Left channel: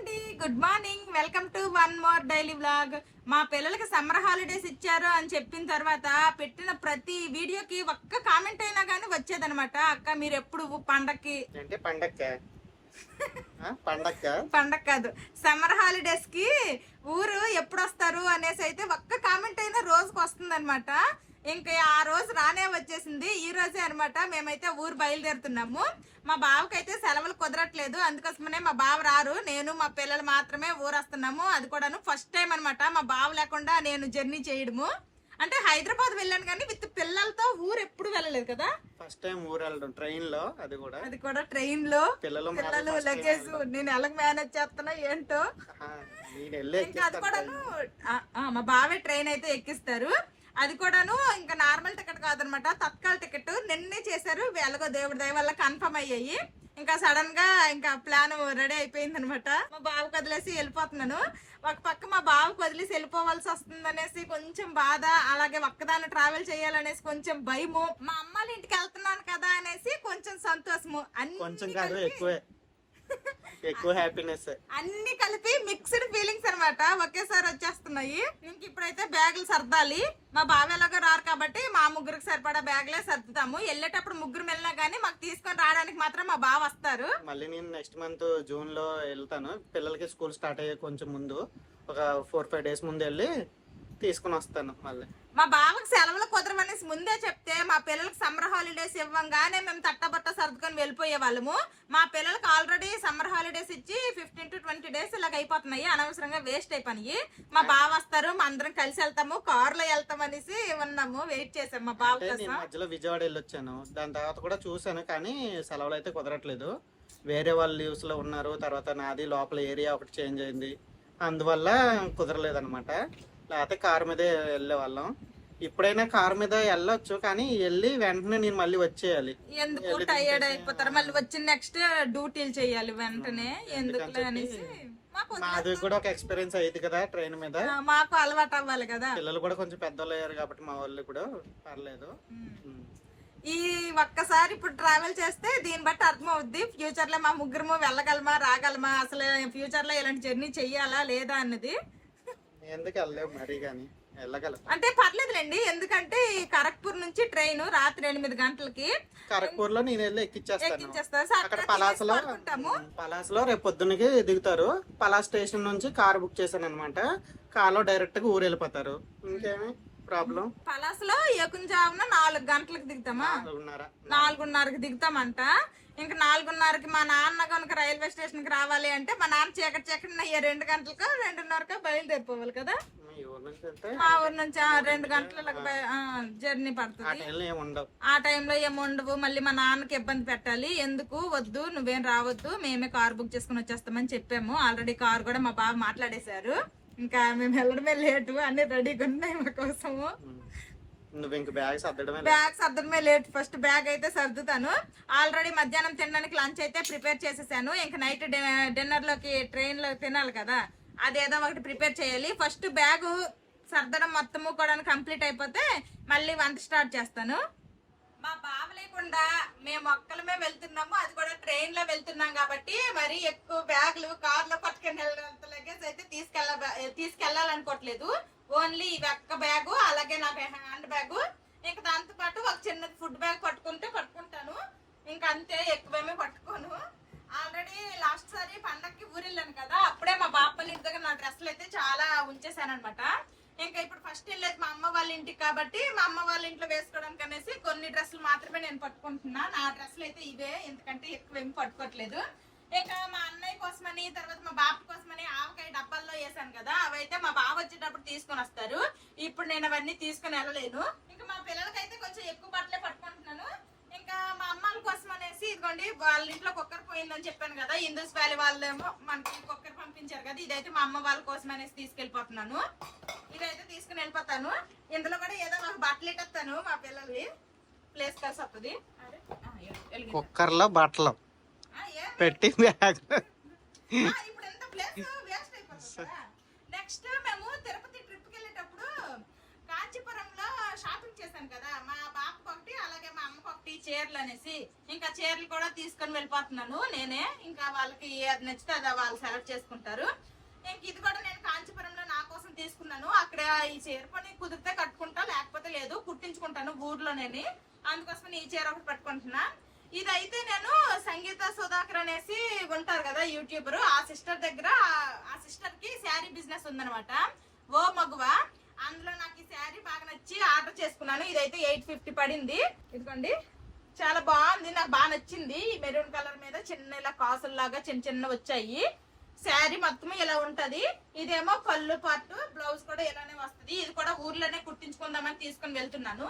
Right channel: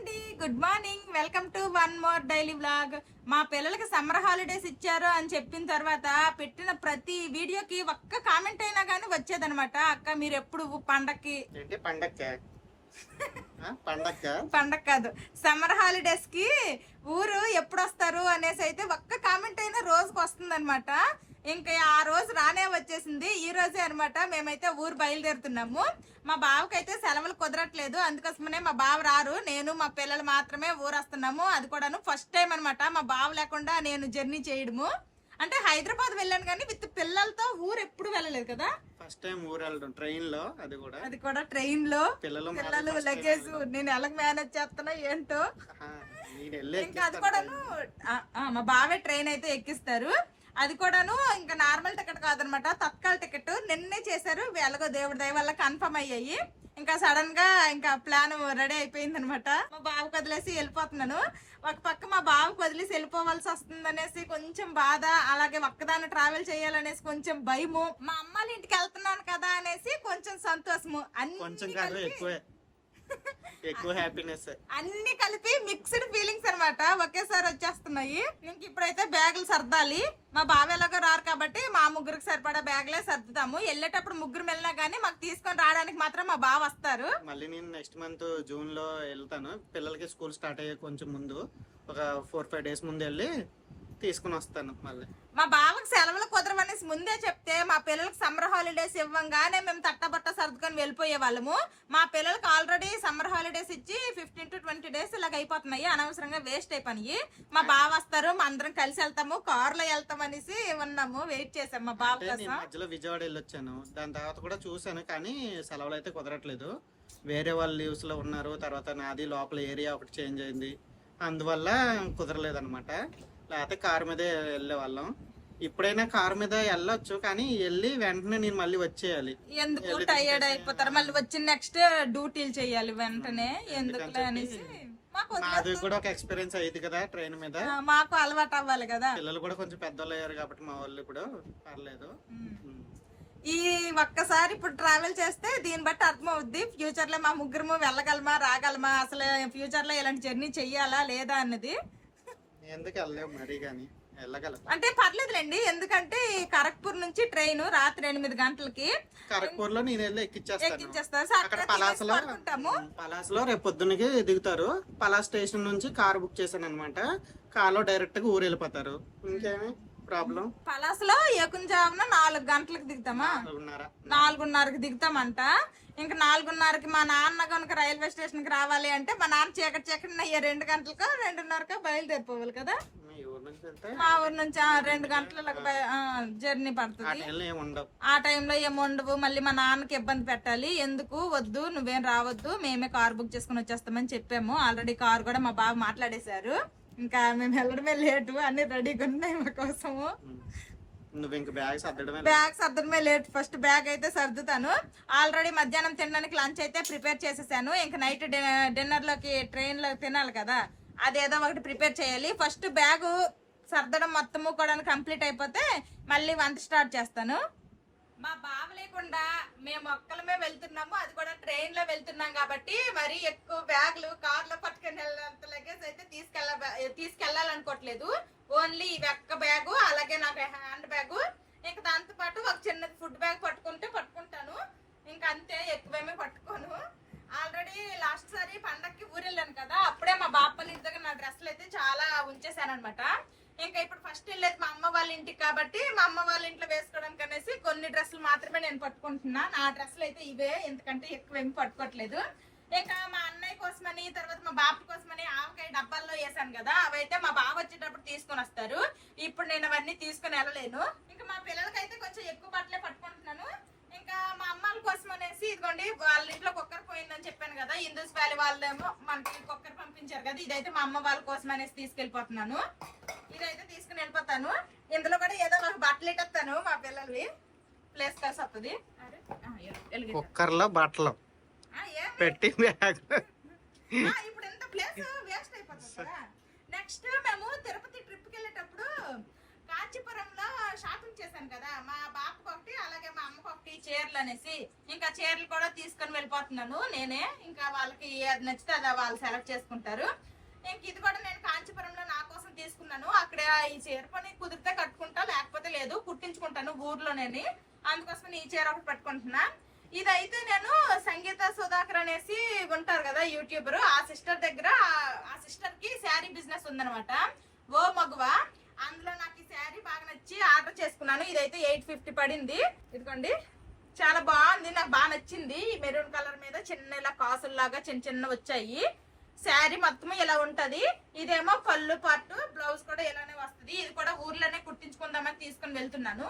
అండి, good morning. Welcome to one more daily vlog. మా పిల్లలకి సమ్మర్ హాలిడేస్ ఇచ్చారు అని చెప్పిన తర్వాత పెట్టిన ప్రతి వీడియోకి ఒక్క కామెంట్ అయినా కానీ వచ్చేదనమాట. అక్క మీరు ఎప్పుడు పండక్కి అంటే పండగ కాదు, సమ్మర్ హాలిడేస్ కి ఊరు ఎప్పుడు వస్తారు అనేసి అయితే ఒక్క కామెంట్ అయినా రోజుకి వస్తుంది అనమాట. ఇంకా ఆ రోజు రానే వచ్చేసింది. ఈ రోజే అనమాట మేమైతే ఊరు బయలుదేరుతున్నాము. మా బావకైతే సెలవులు కుదరట్లేదు, అందుకోసమనే మా బావ రారు, నేను మా పిల్లలు మాత్రమే ఊరు వస్తున్నాము. అది కూడాను ఫస్ట్ టైం అనమాట మా బావ లేకుండా నేను జర్నీ చేయడము. అంటే హైదరాబాద్ వెళ్ళాను కానీ విత్ పిల్లలతో ఊరు ఎప్పుడు వెళ్ళలేదు కదా, ఫస్ట్ టైం ఊరు వెళ్ళడం ట్రైన్ లో. అది కూడా ట్రైన్ లో పిల్లలు లగేజ్ నేను ఎలా మేనేజ్ చేస్తున్నా ఏంటో. అది కూడాను మా బావే ట్రైన్ అయితే ఎక్కిస్తారు. అది కూడాను ఇంకా నార్మల్ టికెట్ కాదనమాట, తత్కాల్ టికెట్. నిన్నే చేశారు, ఎలాగో దేవుడి దయ వల్ల కన్ఫర్మ్ అయ్యాయి. ఇంకా సడన్ గా ఇంకా ప్లాన్ రెడీ అయిపోయింది అనమాట. మా బావకు వదిలేసి వెళ్ళిపోతున్నాను. ఒక పక్క మా బావకు వదిలేసి వెళ్ళిపోవాల్సి వస్తుంది అనేసి కొంచెం బాధ, అలాగే ఒక్కదాన్ని ట్రావెల్ చేయాలనేసి కొంచెం భయము, మా అమ్మాళ్ళ ఇంటికి వెళ్తున్నాను కదా అనేసి కొంచెం సంతోషము, ఎక్కువ హ్యాపీనెస్, అన్ని కలిపి మిక్స్డ్ ఫీలింగ్స్ అనమాట ఒకేసారి వచ్చేస్తున్నాయి. ఇంక ఇప్పుడైతే బ్యాగులు సర్దాలి. మా బావ ఎలాగో రారు కాబట్టి మా ముగ్గురికి సరిపడా బ్యాగులే సర్దుతాము. వెళ్ళేటప్పుడు ముగ్గురు వెళ్ళినా గానీ మాకు తీసుకొని రావడానికి మాత్రం మా బావ వస్తారు. మళ్ళీ నేను నెక్స్ట్ మంత్ జూన్ లో వెళ్తాను. పిల్లలకి స్కూల్ స్టార్ట్ అయ్యే కొంచెం ముందు, ఒక 4-5 days ముందు వెళ్ళి తీసుకుని వస్తాను. మళ్ళీ మా బావకి సెలవులు కుదరవనేసి ముందే చెప్తే మా పిల్లలకి సమ్మర్ హాలిడేస్ ఇవ్వంగానే మేము తట్టబట్ట సర్దుకొని వెళ్ళిపోయే వాళ్ళము. మా పిల్లలకి ఆల్రెడీ సమ్మర్ హాలిడేస్ ఇచ్చి 15 to 20 days ఇలాగ అయిపోతున్నాయి, అనవసరంగా వేస్ట్ అయిపోయి. మా బావ వస్తారు, మా అందరం కలిసి వెళ్తాము, కారులో వెళ్తాం అనేసి ఉన్నాము, వెయిట్ చేసాం మా బావ కోసం. మధ్యలో విజయవాడ వెళ్ళొచ్చాను, దాని తర్వాత కూడా చూసాను కానీ సెలవులు అయితే కుదరట్లేదు. వేరే వాళ్ళు లీవ్స్ లో ఉన్నారు, తర్వాత నాది లోపల ఏరియా ఒకటి చేంజ్ అయింది, అందువల్ల కుదరలేదన్నమాట. లేకపోతే కారు మీదే వెళ్ళే వాళ్ళం. ఇప్పుడైనా కారు మీద వెళ్ళొచ్చు కానీ వెళ్ళి వెంటనే నేను మళ్ళీ వచ్చేయాలి, ఎందుకు టైర్డ్ అయిపోతారు, మళ్ళీ వచ్చిన నెక్స్ట్ డ్యూటీలు చేయాలి వెంటనే, ఎందుకు అనేసి. మాది కూడా ఒక ఎక్స్పీరియన్స్ అయ్యింది కదా ట్రైన్ మీద, మాకు అలవాటు అవ్వాలి కదా. పిల్లలు కూడా కొంచెం పెద్దోళ్ళు అయ్యారు కాబట్టి మా వాళ్ళు కూడా పర్లేదు. ఈ ఒక్కసారి ఇప్పుడు ట్రావెల్ చేస్తే దీన్ని బట్టి అర్థం అవుద్ది ఫ్యూచర్ లో మా ముగ్గురు వెళ్ళగలమా రాగలమా, అసలు ఫ్యూచర్ లో ఇలాంటి జర్నీ చెయ్యాలా లేదా అన్నది. ఎందుకు వెళ్ళలేవు మరి, కానీ వెళ్ళగలం అంటే పర్లేదులేండి, ఎందుకంటే ఖరగ్పూర్ నుంచి ట్రైన్ రాత్రి 8 గంటలకి. ఖరగ్పూర్ లో నేను వెళ్ళి ఎక్కిచ్చేస్తాను. అక్కడ పలాసలో రేపు పొద్దున్నకి దిగుతారు. పలాస్ స్టేషన్ నుంచి కార్ బుక్ చేశాను అనమాట. కార్ లో డైరెక్ట్ గా ఊరు వెళ్ళిపోతారు. ఇంకేమి ప్రాబ్లం. పలాసలో ఏకుంజామున 4 గంటలకు దిగుతామా, 4:30కి దిగుతామంట. ఇంకా 4:30కి మా నాన్న కనుక రైల్వే స్టేషన్ కి రావాలి అంటే మా నాన్న చీకటి 2 గంటలకు 2:30కి బయలుదేరిపోవాలి కదా. మా ఊరు నుంచి 2 గంటలకు జర్నీ పడుతుంది. ఆ టైంలో ఏముండవు, మళ్ళీ మా నాన్నకి ఇబ్బంది పెట్టాలి. ఎందుకు వద్దు, నువ్వేం రావద్దు, మేమే కార్ బుక్ చేసుకుని వచ్చేస్తామని చెప్పాము. ఆల్రెడీ కార్ కూడా మా బాబు మాట్లాడేశారు. ఇంకా మేము వెళ్ళడమే లేటు, అన్ని రెడీగా ఉన్నాయి మా కోసము. బ్యాగ్ సర్దడమే లేట్. ఫస్ట్ బ్యాగ్ అయితే సర్దుతాను. ఆల్రెడీ మధ్యాహ్నం తినడానికి లంచ్ అయితే ప్రిపేర్ చేసేసాను. ఇంకా నైట్ డిన్నర్ లోకి ట్రైన్ లో తినాలి కదా, అదేదో ఒకటి ప్రిపేర్ చేయాలి. ఫస్ట్ బ్యాగ్ సర్దడం మొత్తము కూడా కంప్లీట్ అయిపోతే మళ్ళీ వంట స్టార్ట్ చేస్తాను. మా బావ లేకుండా మేము ఒక్కలమే వెళ్తున్నాము, అది కూడా ట్రైన్ లో వెళ్తున్నాం కాబట్టి మరి ఎక్కువ బ్యాగులు కార్ లో పట్టుకుని లగేజ్ అయితే తీసుకెళ్లాలనుకోవట్లేదు. ఓన్లీ ఈ ఒక్క బ్యాగు, అలాగే నాకు హ్యాండ్ బ్యాగు, ఇంకా దాంతో పాటు ఒక చిన్న ఫుడ్ బ్యాగ్ పట్టుకుంటాను. ఇంకా అంతే, ఎక్కువేమీ పట్టుకోను. ఆల్రెడీ లాస్ట్ సారి పండక్కి ఊరు వెళ్ళాను కదా, అప్పుడే మా బాపల్లి ఇంటి దగ్గర నా డ్రెస్సులు అయితే చాలా ఉంచేసాను అనమాట. ఇంకా ఇప్పుడు ఫస్ట్ వెళ్ళేది మా అమ్మ వాళ్ళ ఇంటికి కాబట్టి మా అమ్మ వాళ్ళ ఇంట్లో వేసుకోవడానికి అనేసి కొన్ని డ్రెస్సులు మాత్రమే నేను పట్టుకుంటున్నా. నా డ్రెస్సులు అయితే ఇవే, ఎందుకంటే ఎక్కువ ఏమి పట్టుకోవట్లేదు. ఇంకా మా అన్నయ్య కోసమని, తర్వాత మా బాబు కోసమని ఆవకాయ డబ్బాల్లో వేసాను కదా, అవైతే మా బాబు వచ్చేటప్పుడు తీసుకుని వస్తారు. ఇప్పుడు నేను అవన్నీ తీసుకుని వెళ్ళలేను. ఇంకా మా పిల్లలకైతే కొంచెం ఎక్కువ బట్టలే పట్టుకుంటున్నాను. ఇంకా మా అమ్మాల కోసం అనేసి ఇదిగోండి, వాళ్ళ ఇంట్లో కుక్కర్ పోయిందని చెప్పాను కదా, ఇందూస్ వ్యాలీ వాళ్ళేమో మనకి కుక్కర్ పంపించారు కదా, ఇదైతే మా అమ్మ వాళ్ళ కోసం అనేసి తీసుకెళ్ళిపోతున్నాను. ఇదైతే తీసుకుని వెళ్ళిపోతాను. ఇందులో కూడా ఏదో ఒక బట్టలు ఇట్టేస్తాను, మా పిల్లలవి ప్లేస్ కలిసి వస్తుంది. కుక్కర్ లో బట్టలు పెట్టి ఇప్పుడు ఎంత ప్లేస్ వేస్ట్ అయిపోతుంది కదా. నెక్స్ట్ మేము తిరుపతి ట్రిప్ కి వెళ్ళేటప్పుడు కాంచీపురంలో షాపింగ్ చేశాను కదా, మా బాబుకి ఒకటి అలాగే మా అమ్మకి ఒకటి చీరలు అనేసి, ఇంకా చీరలు కూడా తీసుకొని వెళ్ళిపోతున్నాను నేనే. ఇంకా వాళ్ళకి అది నచ్చితే అది వాళ్ళు సెలెక్ట్ చేసుకుంటారు. ఇంక ఇది కూడా నేను కాంచీపురంలో నా కోసం తీసుకున్నాను. అక్కడ ఈ చీర పని కుదిరితే కట్టుకుంటా, లేకపోతే లేదు, కుట్టించుకుంటాను ఊర్లోనేని. అందుకోసం ఈ చీర ఒకటి పట్టుకుంటున్నా. ఇదైతే నేను సంగీత సుధాకర్ అనేసి ఉంటారు కదా యూట్యూబర్, ఆ సిస్టర్ దగ్గర, ఆ సిస్టర్ కి శారీ బిజినెస్ ఉందనమాట, ఓ మగువ. అందులో నాకు ఈ శారీ బాగా నచ్చి ఆర్డర్ చేసుకున్నాను. ఇదైతే 850 పడింది. ఇదిగోండి, చాలా బాగుంది, నాకు బాగా నచ్చింది. ఈ మెరూన్ కలర్ మీద చిన్న ఇలా కాసుల్లాగా చిన్న చిన్న వచ్చాయి. శారీ మొత్తం ఇలా ఉంటది. ఇదేమో పళ్ళు పాటు, బ్లౌజ్ కూడా ఇలానే వస్తుంది. ఇది కూడా ఊర్లోనే కుట్టించుకుందామని తీసుకొని వెళ్తున్నాను.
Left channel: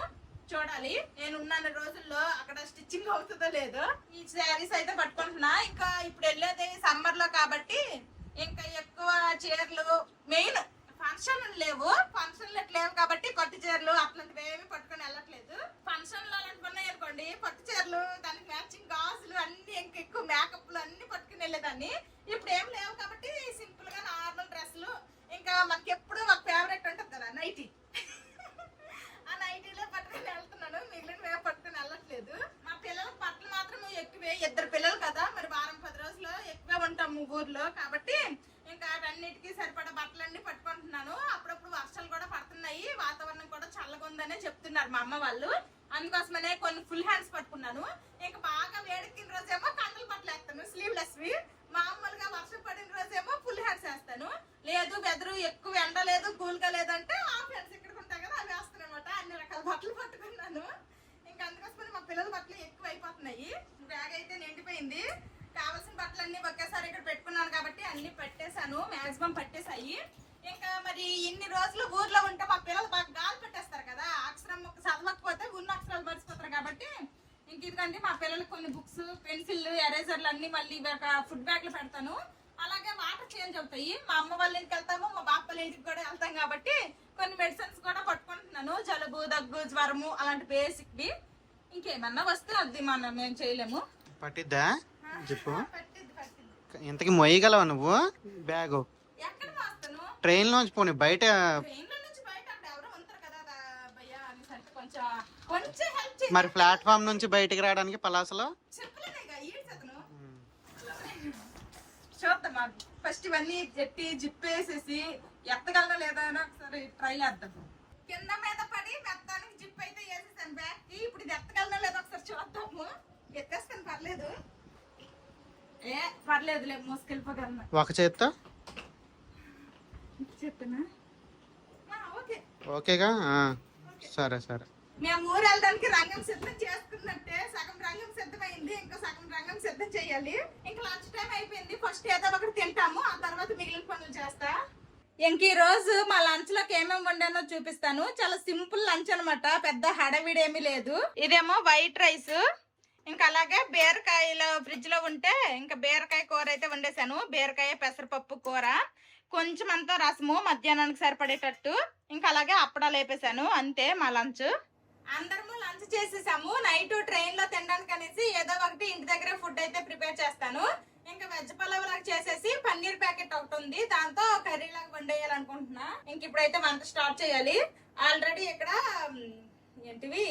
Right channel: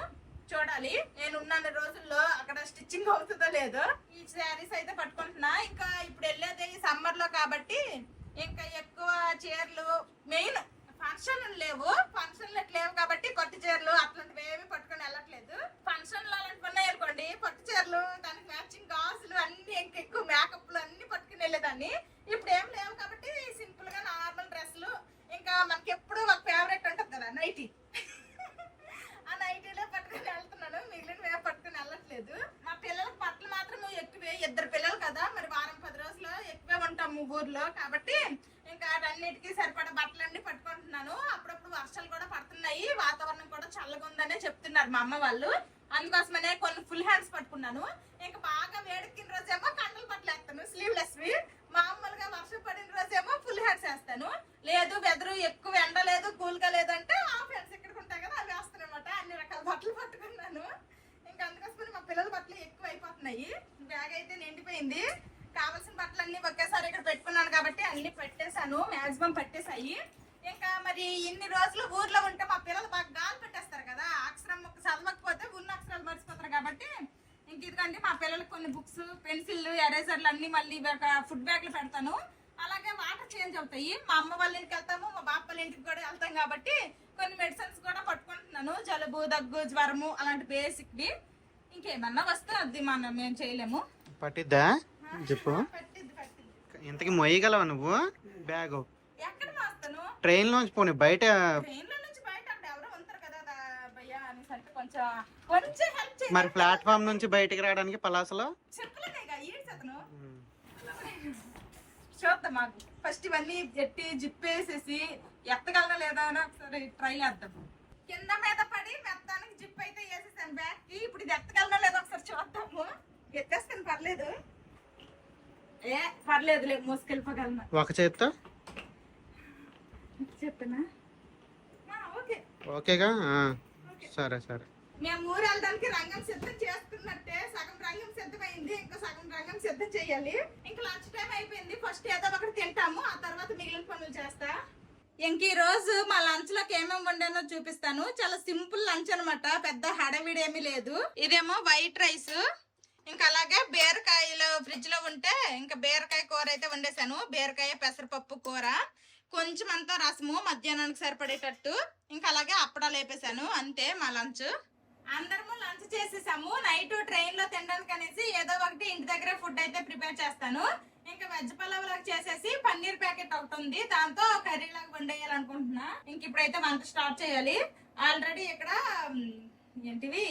చూడాలి నేను ఉన్న రోజుల్లో అక్కడ స్టిచ్చింగ్ అవుతుందో లేదో. ఈ శారీస్ అయితే పట్టుకుంటున్నా. ఇంకా ఇప్పుడు వెళ్ళేది సమ్మర్ లో కాబట్టి ఇంకా ఎక్కువ చీరలు, మెయిన్ ఫంక్షన్లు లేవు కాబట్టి పట్టు చీరలు అట్లాంటివి ఏమి పట్టుకొని వెళ్ళట్లేదు. ఫంక్షన్లు అలాంటివి ఉన్నాయి అనుకోండి, పట్టు చీరలు, దానికి మ్యాచింగ్ గాజులు అన్ని, ఇంకా ఎక్కువ మేకప్లు అన్ని పట్టుకుని వెళ్ళేదాన్ని. ఇప్పుడు ఏం లేవు కాబట్టి సింపుల్ గా నార్మల్ డ్రెస్సులు, ఇంకా మనకి ఎప్పుడు ఒక ఫేవరెట్ ఉంటుంది కదా నైటీ, ఆ నైటీలో పట్టుకుని వెళ్తున్నాను. మిగిలిన పట్టుకుని వెళ్ళట్లేదు. మా పిల్లలకు బట్టలు మాత్రం ఎక్కువే, 2 పిల్లలు కదా, మరి వారం 10 రోజులు ఎక్కువే ఉంటాము ఊర్లో కాబట్టి ఇంకా అన్నిటికీ సరిపడా బట్టలన్నీ పట్టుకుంటున్నాను. అప్పుడప్పుడు వర్షాలు కూడా పడుతున్నాయి, వాతావరణం కూడా చల్లగా ఉందనే చెప్తున్నారు మా అమ్మ వాళ్ళు. అందుకోసమనే కొన్ని ఫుల్ హ్యాండ్స్ పట్టుకున్నాను. ఇంకా బాగా వేడెక్కిన రోజేమో కండలు బట్టలు వేస్తాను, స్లీవ్లెస్ వి. మామూలుగా వర్షం పడిన రోజేమో ఫుల్ హ్యాండ్స్ వేస్తాను. లేదు వెదరు ఎక్కువ ఎండ లేదు, కూల్ గా లేదంటే హాఫ్ హ్యాండ్స్ ఇక్కడికి ఉంటాయి కదా, అవి వేస్తాను అనమాట. అన్ని రకాల బట్టలు పట్టుకున్నాను. ఇంకా అందుకోసమని మా పిల్లల బట్టలు ఎక్కువ అయిపోతున్నాయి. బ్యాగ్ అయితే నిండిపోయింది. కావాల్సిన బట్టలన్నీ ఒకేసారి ఇక్కడ పెట్టుకున్నాను కాబట్టి అన్ని పెట్టేశాను, మాక్సిమం పట్టేసాయి. ఇంకా మరి ఇన్ని రోజులు ఊర్లో ఉంటే మా పిల్లలు బాగా గాలి పెట్టేస్తారు కదా, అక్షరం చదవకపోతే ఉన్న అక్షరాలు మర్చిపోతారు కాబట్టి ఇంక ఇదిగండి మా పిల్లలకి కొన్ని బుక్స్, పెన్సిల్, ఎరేజర్లు అన్ని మళ్ళీ ఫుడ్ బ్యాగ్లు పెడతాను. అలాగే వాటర్ చేంజ్ అవుతాయి. మా అమ్మ వాళ్ళ ఇంటికి వెళ్తాము, మా బాప వాళ్ళ ఇంటికి కూడా వెళ్తాం కాబట్టి కొన్ని మెడిసిన్స్ కూడా పట్టుకుంటున్నాను. జలుబు, దగ్గు, జ్వరము అలాంటి బేసిక్ ది. ఇంకేమన్నా వస్తే అది మేము చేయలేము. పట్టిద్దా చెప్పు. ఇంతకి మొయ్యగలవా నువ్వు బ్యాగు? ట్రైన్ లోంచి పోనీ బయట, మరి ప్లాట్ఫామ్ నుంచి బయటికి రావడానికి పలాసలో చూద్దాం. మాకు ఫస్ట్ ఇవన్నీ ఎట్టి జిప్పేసేసి ఎత్తగలదా లేదా అని ఒకసారి ట్రై చేద్దాం. కింద మీద పడి మెత్తానికి జిప్ అయితే వేసేసాను బ్యాగ్ కి. ఇప్పుడు ఇది ఎత్తగలదా లేదా ఒకసారి చూద్దాము. ఎత్తేస్తాను, పర్లేదు, పర్లేదులే, మోసుకెళ్ళిపోగలను. ఒక చేత్తో చెప్తానా? ఓకేగా, సరే సరే. మేము ఊరు వెళ్ళడానికి రంగం సిద్ధం చేసుకున్నట్టే, సగం రంగం సిద్ధమైంది, ఇంకా సగం రంగం సిద్ధం చేయాలి. ఇంకా లంచ్ టైం అయిపోయింది. ఫస్ట్ ఏదో ఒకటి తింటాము, ఆ తర్వాత మిగిలిన పనులు చేస్తా. ఇంక ఈ రోజు మా లంచ్ లోకి ఏమేమి వండానో చూపిస్తాను. చాలా సింపుల్ లంచ్ అనమాట, పెద్ద హడావిడి ఏమీ లేదు. ఇదేమో వైట్ రైస్, ఇంకా అలాగే బీరకాయలు ఫ్రిడ్జ్ లో ఉంటే ఇంకా బీరకాయ కూర అయితే వండేసాను. బీరకాయ పెసరపప్పు కూర, కొంచెం అంతా రసము మధ్యాహ్నానికి సరిపడేటట్టు, ఇంకా అలాగే అప్పడాలు వేపేసాను. అంతే మా లంచ్. అందరము లంచ్ చేసేసాము. నైట్ ట్రైన్ లో తినడానికి అనేసి ఏదో ఒకటి ఇంటి దగ్గర ఫుడ్ అయితే ప్రిపేర్ చేస్తాను. ఇంకా వెజ్ పలావ్ లాగా చేసేసి పన్నీర్ ప్యాకెట్ ఒకటి ఉంది, దాంతో కర్రీ లాగా వండేయాలనుకుంటున్నా. ఇంక ఇప్పుడైతే వంట స్టార్ట్ చేయాలి. ఆల్రెడీ ఇక్కడ ఏంటివి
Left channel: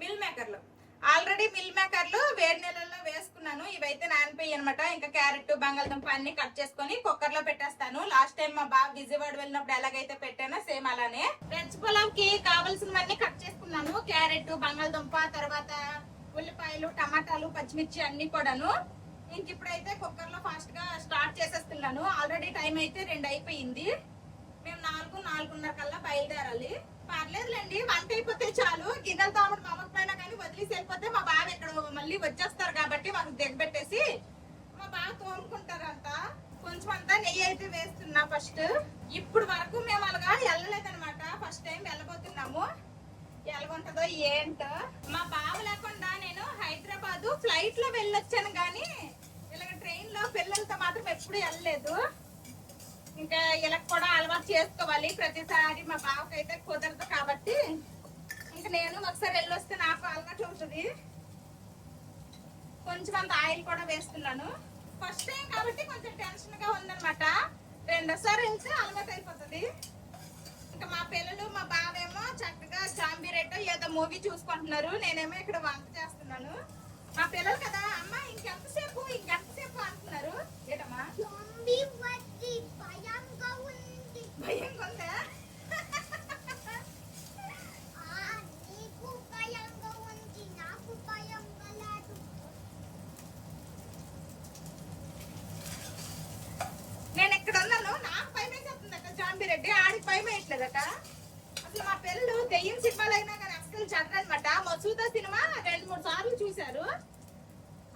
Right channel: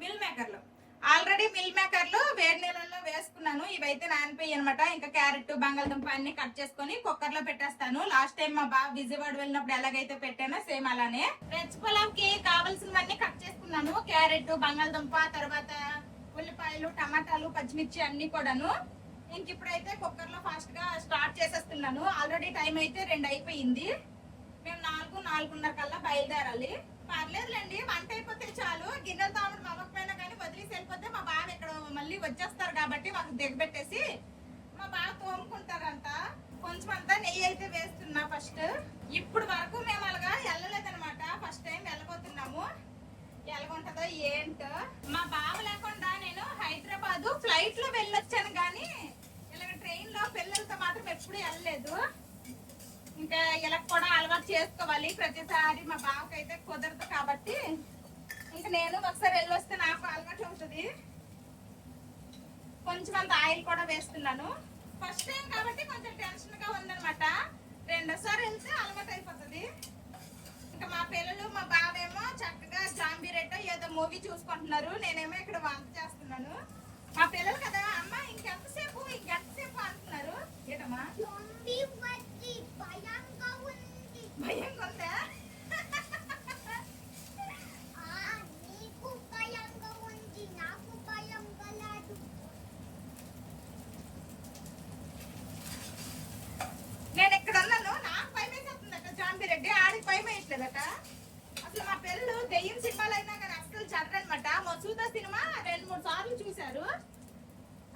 మిల్ మేకర్లు, వేడి నీళ్ళల్లో వేసుకున్నాను. ఇవైతే నానిపోయి అనమాట. ఇంకా క్యారెట్, బంగాళదుంప అన్ని కట్ చేసుకొని కుక్కర్ లో పెట్టేస్తాను. లాస్ట్ టైం మా బాబు విజయవాడ వెళ్ళినప్పుడు ఎలాగైతే పెట్టానో సేమ్ అలానే. వెజ్ పులావ్ కి కావాల్సినవన్నీ కట్ చేసుకున్నాను. క్యారెట్, బంగాళదుంప, తర్వాత ఉల్లిపాయలు, టమాటాలు, పచ్చిమిర్చి అన్ని కూడాను. ఇంక ఇప్పుడైతే కుక్కర్ లో ఫాస్ట్ గా స్టార్ట్ చేసేస్తున్నాను. ఆల్రెడీ టైం అయితే 2 అయిపోయింది. మేము 4:30 కల్లా బయలుదేరాలి. పర్లేదులేండి, వంట అయిపోతే చాలు. గిన్నెలు తోమడం మా అమ్మకి పైన కానీ వదిలేసి వెళ్ళిపోతే మా బావ ఇక్కడ మళ్ళీ వచ్చేస్తారు కాబట్టి మాకు దిగబెట్టేసి మా బావ తోముకుంటారంట. కొంచెం అంతా నెయ్యి అయితే వేస్తున్నా ఫస్ట్. ఇప్పుడు వరకు మేము అలాగా వెళ్ళలేదనమాట, ఫస్ట్ టైం వెళ్ళబోతున్నాము. ఎలాగుంటదో ఏంటో. మా బావ లేకుండా నేను హైదరాబాద్ ఫ్లైట్ లో వెళ్ళొచ్చాను కానీ ఇలాగ ట్రైన్ లో పిల్లలతో మాత్రం ఎప్పుడు వెళ్ళలేదు. ఇంకా ఇలా కూడా అలవాటు చేసుకోవాలి. ప్రతిసారి మా బావకైతే కుదరదు కాబట్టి ఇంకా నేను ఒకసారి వెళ్ళొస్తే నాకు అలవాటు అవుతుంది. కొంచెం అంత ఆయిల్ కూడా వేస్తున్నాను. ఫస్ట్ టైం కాబట్టి కొంచెం టెన్షన్ గా ఉందనమాట. రెండోసారి వెళ్తే అలవాటు అయిపోతుంది. ఇంకా మా పిల్లలు, మా బావేమో చక్కగా జాంబీరెట్టో ఏదో మూవీ చూసుకుంటున్నారు, నేనేమో ఇక్కడ వంట చేస్తున్నాను. మా పిల్లలు కదా అమ్మ ఇంకెంతసేపు అంటున్నారు. ఏటమ్మా భయంగా ఉందా? నేను ఇక్కడ ఉన్నాను, నాకు భయం వేసేస్తుందట. జాంబీరెడ్డి ఆడికి భయం వేయట్లేదట. అసలు మా పిల్లలు దెయ్యం సినిమాలు అయినా కానీ అసలు చదరనమాట. మసూదా సినిమా 2-3 సార్లు చూశారు.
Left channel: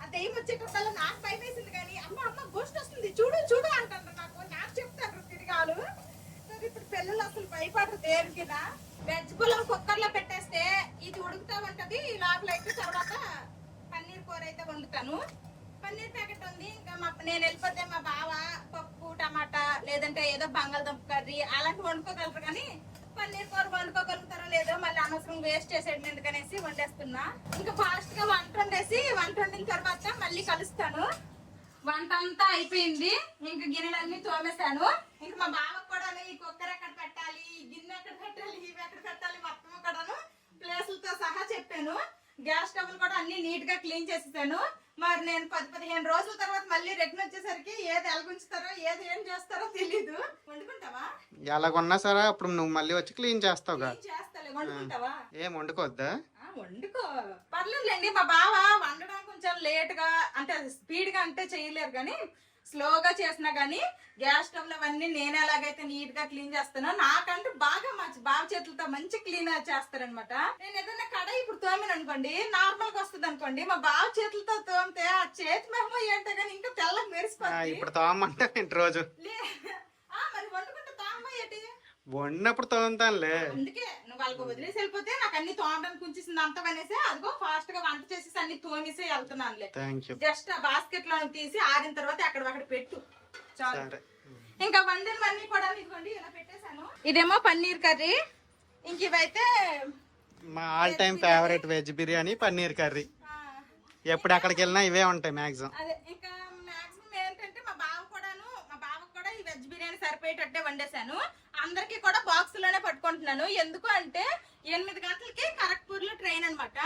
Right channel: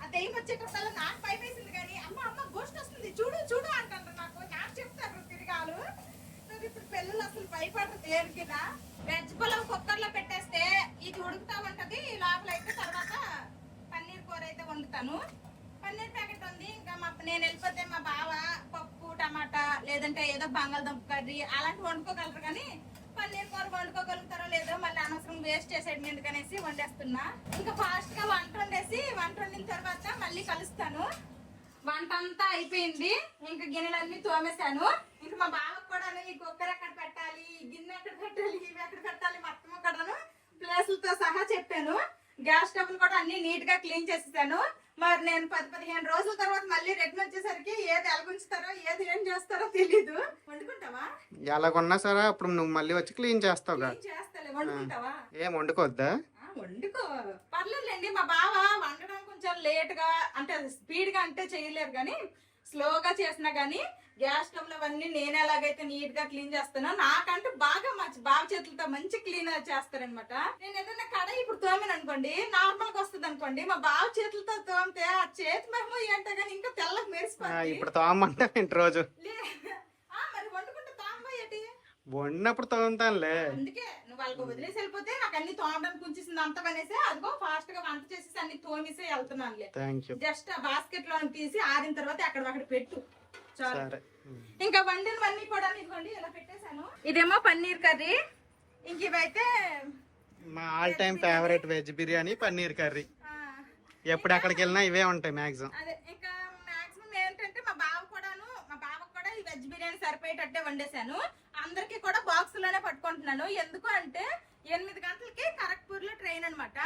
ఆ దెయ్యం వచ్చేటప్పుడు నాకు భయం వేసింది, కానీ అమ్మ గోస్ట్ వస్తుంది చూడు అంటారు. నాకు చెప్తారు తిరిగాలు. ఇప్పుడు పిల్లలు అసలు భయపడరు దేనికినా. వెజ్ పులావ్ కుక్కర్ లో పెట్టేస్తే ఇది ఉడుకుతా ఉంటది, లోపల అయితే తర్వాత పన్నీర్ కూర అయితే వండుతాను. పన్నీర్ ప్యాకెట్ ఉంది. ఇంకా నేను వెళ్ళిపోతే మా బావ పప్పు టమాటా లేదంటే ఏదో బంగాళదుంప కర్రీ అలాంటి వండుకోగలరు, కానీ పన్నీర్ కూర వండుకోగలుగుతారో లేదో మళ్ళీ అనవసరం వేస్ట్ చేసేది ఎందుకనేసి వండేస్తున్నా. ఇంకా ఫాస్ట్ గా వంట వండిన తర్వాత మళ్ళీ కలుస్తాను. వంట అంతా అయిపోయింది, ఇంకా గిన్నెలన్నీ తోమేశాను. ఇంకా మా బావకు కూడా ఈ కుక్కర్ ఎక్కడ పెట్టాలి, గిన్నె ఎక్కడ పెట్టాలి, ఇవి ఎక్కడ పెట్టాలి మొత్తం కూడాను ప్లేసులతో సహా చెప్పాను. గ్యాస్ స్టవ్ కూడా అన్ని నీట్ గా క్లీన్ చేసేసాను. మరి నేను 10-15 రోజుల తర్వాత మళ్ళీ రిటర్న్ వచ్చేసరికి ఏది ఎలాగుంచుతారో ఏది ఏం చేస్తారో తెలీదు. వండుకుంటావా? ఎలాగున్నా సరే అప్పుడు నువ్వు మళ్ళీ వచ్చి క్లీన్ చేస్తావుగా. చేస్తాలే. వండుకుంటావా? ఏం వండుకోవద్దా? వండుకో, పర్లేదులేండి. మా బావ వండడం కొంచెం లేట్ గా అంటే స్పీడ్ గా అంటే చేయలేరు, కానీ స్లోగా చేసినా గానీ గ్యాస్ స్టవ్ లో అవన్నీ నేను ఎలాగైతే నీట్ గా క్లీన్ చేస్తానో నాకంటూ బాగా బావ చేతులతో మంచి క్లీన్ చేస్తారనమాట. నేను ఏదైనా కడాయి ఇప్పుడు తోమిన అనుకోండి, నార్మల్ గా వస్తుంది అనుకోండి, మా బావ చేతులతో తోమితే ఆ చేతి మహిమ ఏంటో కానీ ఇంకా తెల్లగా మెరిసిపోతుంది. ఇప్పుడు తోమంటే రోజు మరి వండుకుంటే తోమబోయేటి వండినప్పుడు తోముతానులే. అందుకే నువ్వు వాళ్ళకి వదిలేసి వెళ్ళిపోతే నాకు అన్ని తోమడానికి ఉంచేసింది అంత పనేసి అదిగో ఫాస్ట్ గా వంట చేసేసి అన్ని తోమేసి వెళ్తున్నానులే. జస్ట్ ఆ బాస్కెట్ లో తీసి ఆరిన తర్వాత అక్కడ పెట్టు చాలు. ఇంకా వండినవన్నీ కూడా ఇదిగోండి ఇలా పెట్టేశాను. ఇదేమో పన్నీర్ కర్రీ, ఇంక ఇవైతే మా all time favourite veg biryani paneer curry. ఎప్పుడు అక్కడికి వెళ్ళినా ఇవే ఉంటాయి మాక్సిమం. అదే ఇంకా మాక్సిమం ఏంటంటే మా బావకు కూడా ఈ వెజ్ బిర్యానీ సరిపోయేటట్టే వండేశాను. అందరికి కూడా బాక్స్ లోనే పట్టుకుంటున్నాను. ఎందుకు అంటే 8 గంటలకి ఖరగ్పూర్ లో ట్రైన్ అనమాట.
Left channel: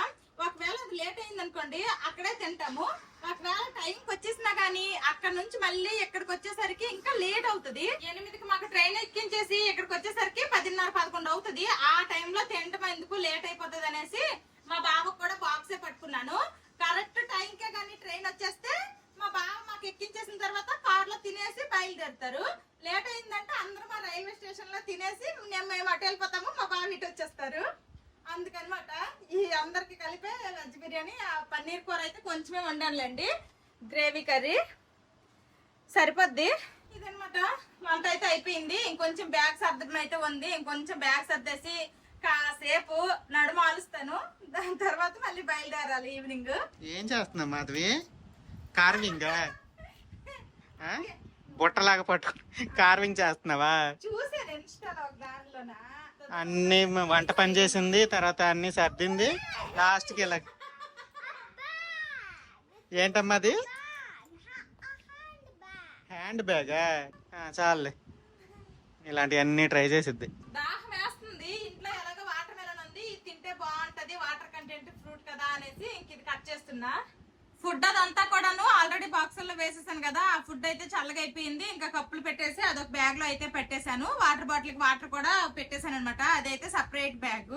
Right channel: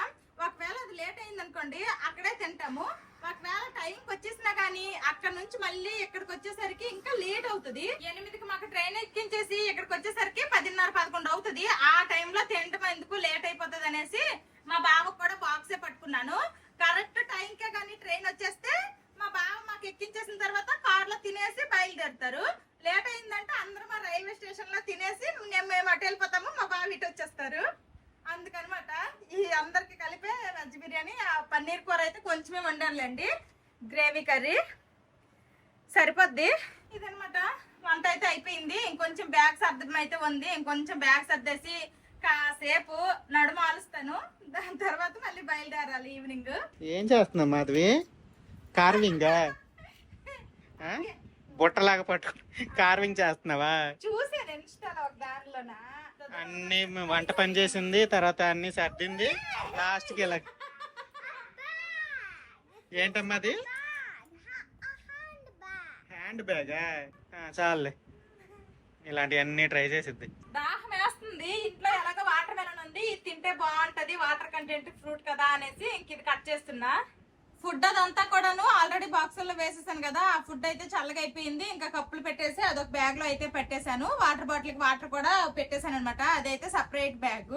ఒకవేళ అది లేట్ అయింది అనుకోండి అక్కడే తింటాము. ఒకవేళ టైంకి వచ్చేసినా గానీ అక్కడ నుంచి మళ్ళీ ఇక్కడికి వచ్చేసరికి ఇంకా లేట్ అవుతుంది. 8కి మాకు ట్రైన్ ఎక్కించేసి ఇక్కడికి వచ్చేసరికి 10:30-11 అవుతుంది. ఆ టైంలో తినడం ఎందుకు లేట్ అయిపోతుంది అనేసి మా బావకు కూడా బాక్సే పట్టుకున్నాను. కరెక్ట్ టైంకే కానీ ట్రైన్ వచ్చేస్తే మా బావ మాకు ఎక్కించేసిన తర్వాత కార్ లో తినేసి బయలుదేరుతారు. లేట్ అయిందంటే అందరూ మా రైల్వే స్టేషన్ లో తినేసి మేము అటు వెళ్ళిపోతాము, మా బావ ఇటు వచ్చేస్తారు. అందుకనమాట ఈ అందరికి కలిపే వెజ్ బిర్యానీ. ఆ పన్నీర్ కూర అయితే కొంచెమే వండానులేండి, గ్రేవీ కర్రీ సరిపోద్ది. ఇదనమాట వంట అయితే అయిపోయింది. ఇంకొంచెం బ్యాగ్ సర్దడం అయితే ఉంది. ఇంకొంచెం బ్యాగ్ సర్దేసి కాసేపు నడుమ ఆలుస్తాను. దాని తర్వాత మళ్ళీ బయలుదేరాలి ఈవినింగ్. ఏం చేస్తున్నావు మాధవి? కార్వింగ్ బుట్టలాగా పట్టుకుని కార్వింగ్ చేస్తున్నావా? చూసాను ఇన్స్టాలో ఒక దారిలోనా. అన్ని వంట పని చేసింది, తర్వాత అన్ని సర్దింది, లాస్ట్ కి ఇలా. ఏంటమ్మా అది? హ్యాండ్ బ్యాగా? చాలులే, ఇలాంటివన్నీ ట్రై చేసిద్ది. దాహం వేస్తుంది, ఇంట్లో ఎలాగో వాటర్ మెలన్ ఉంది, ఇది తింటే బాగుంటది, వాటర్ కంటెంట్ ఫ్రూట్ కదా అనేసి ఇంక ఇది కట్ చేస్తున్నా. ఫుడ్ అదంతా కూడాను ఆల్రెడీ బాక్సుల్లో వేసేసాను కదా. ఆ ఫుడ్ అయితే చల్లగా అయిపోయింది. ఇంకా కప్పులు పెట్టేసి అదొక బ్యాగ్ లో అయితే పెట్టేశాను. వాటర్ బాటిల్ కి వాటర్ కూడా పెట్టేశాను అనమాట. అదైతే సపరేట్ బ్యాగ్.